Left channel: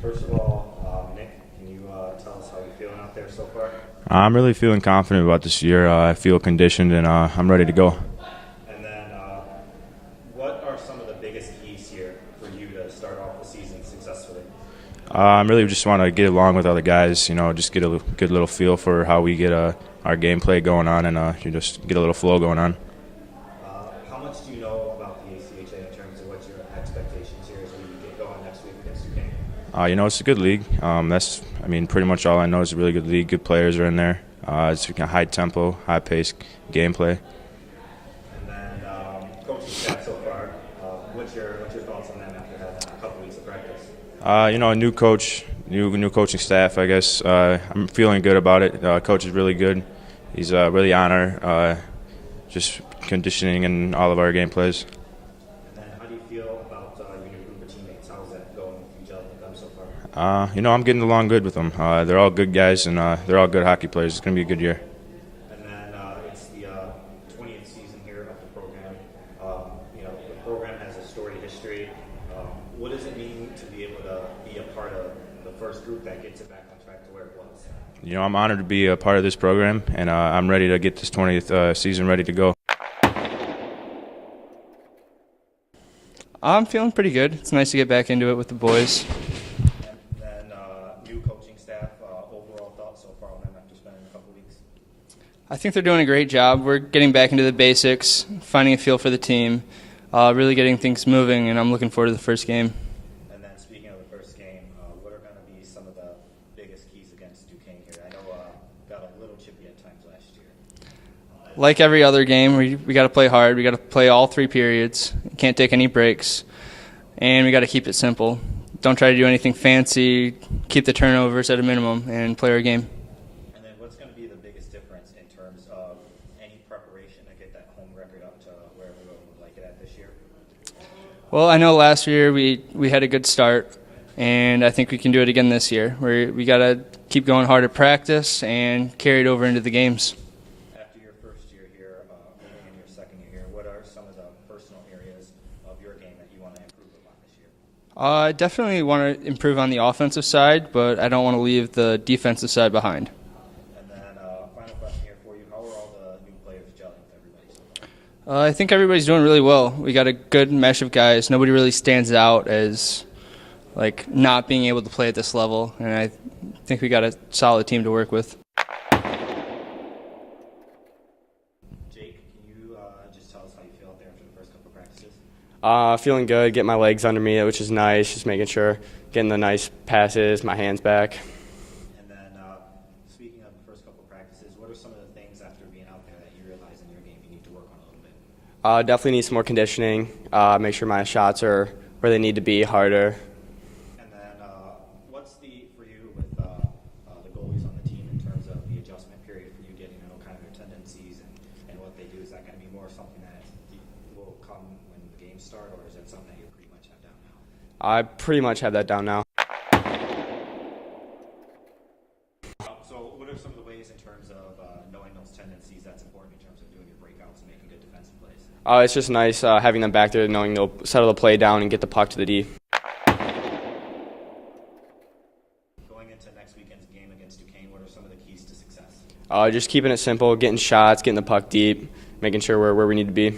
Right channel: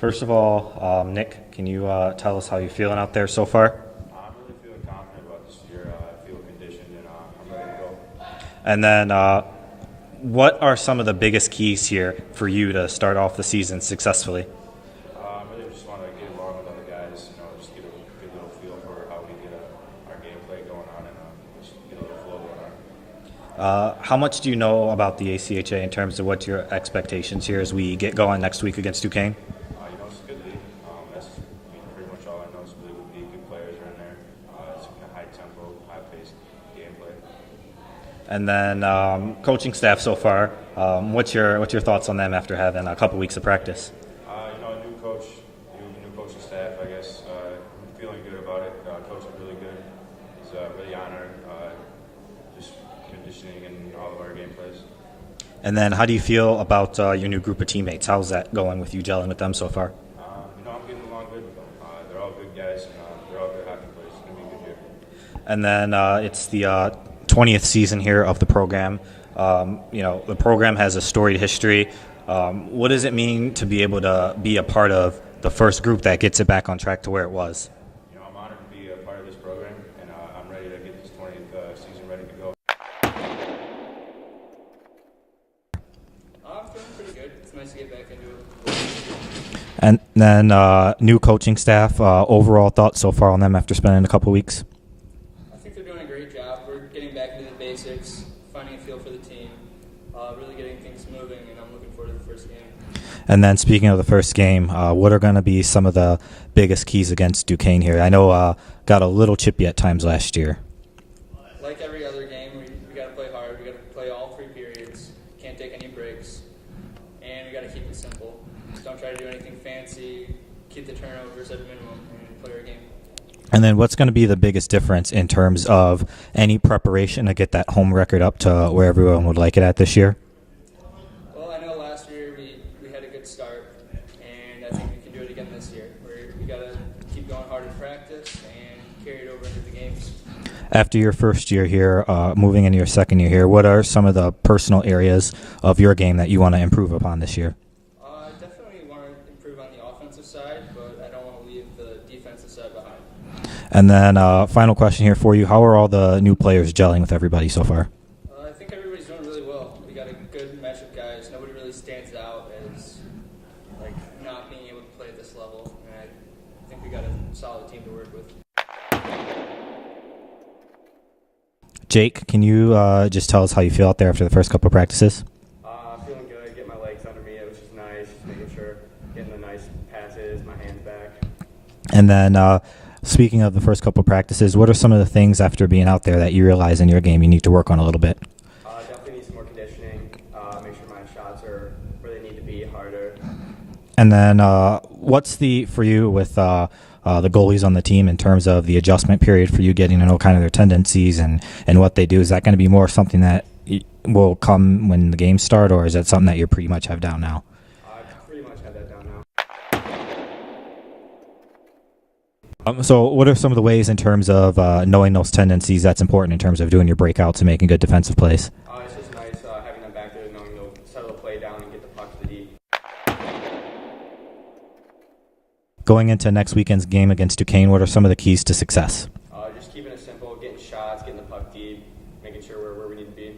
First of all, Nick, can you tell us how you're feeling out there so far? I'm really feeling confident about this year. I feel conditioned and I'm ready to go. And then, what are some of the biggest keys here for you to start off the season successfully? I really just want to get along with other guys, just get a good little feel for how we get our gameplay going on and you just get a little flow going on. How much do you know about the ACHA in terms of what your expectations here as we get going next week against Duquesne? It's a good league. Pretty much all I know is a really good league. Good players are in there. It's a high tempo, high pace gameplay. And then coaching staff so far. What's your thoughts on them after having a couple weeks of practice? A new coach, new coaching staff. I guess I'm feeling good about it. Coach is really good. He's really on our just conditioning and all of our game plays. And then how do you feel about your new group of teammates? How's that going with you gelling with them so far? I'm getting along good with them. They're all good guys, and they're all good hockey players. It's going to be a good year. And then it's the 20th season here of the program. The program has a storied history. What does it mean to be able to be a part of the first group that gets it back on track to where it was? I'm honored to be a part of this program, and I'm ready to get this 20th season ready to go. I'm feeling pretty good. It's nice to get back into it with the boys. And then new coaching staff, overall thoughts so far on them after spending a couple weeks? I think they're doing a great job. We're getting back into the basics, finding a feel for the team, really getting things moving, and I'm looking forward to the first game. And then speaking of the first game, what are going to be some of the biggest keys against Duquesne here? I know got a little chippy at times last year. Like every other game, we got to play hard. We got to play all 3 periods. Can't take any breaks, and we got to keep it simple. Don't try to do anything fancy. Keep the turnovers at a minimum and play our game. And then what's going to be the biggest difference in terms of any preparation to get that home record up to where everyone would like it at this year? Well, I know last year we had a good start, and I think we can do it again this year. We got to keep going hard at practice and carry it over into the games. After your first year here, moving into your second year here, what are some of the personal areas of your game that you want to improve upon this year? I definitely want to improve on the offensive side, but I don't want to leave the defensive side behind. And then final question here for you. How are all the new players gelling with everybody so far? I think everybody's doing really well. We got a good mesh of guys. Nobody really stands out as not being able to play at this level, and I think we got a solid team to work with. Jake, can you just tell us how you feel out there after the first couple of practices? Feeling good, getting my legs under me, which is nice, just making sure, getting the nice passes, my hands back. And then speaking of the first couple of practices, what are some of the things after being out there that you realize in your game you need to work on a little bit? Definitely need some more conditioning, make sure my shots are where they need to be, harder. And then what's for you with the goalies on the team in terms of the adjustment period for you getting to know kind of their tendencies and what they do? Is that going to be more something that will come when the games start, or is that something that you pretty much have down now? I pretty much have that down now. So what are some of the ways in terms of knowing those tendencies that's important in terms of doing your breakouts and making good defensive plays? It's just nice having them back there, knowing they'll settle the play down and get the puck to the D. Going into next weekend's game against Duquesne, what are some of the keys to success? Just keeping it simple, getting shots, getting the puck deep, making sure we're where we need to be.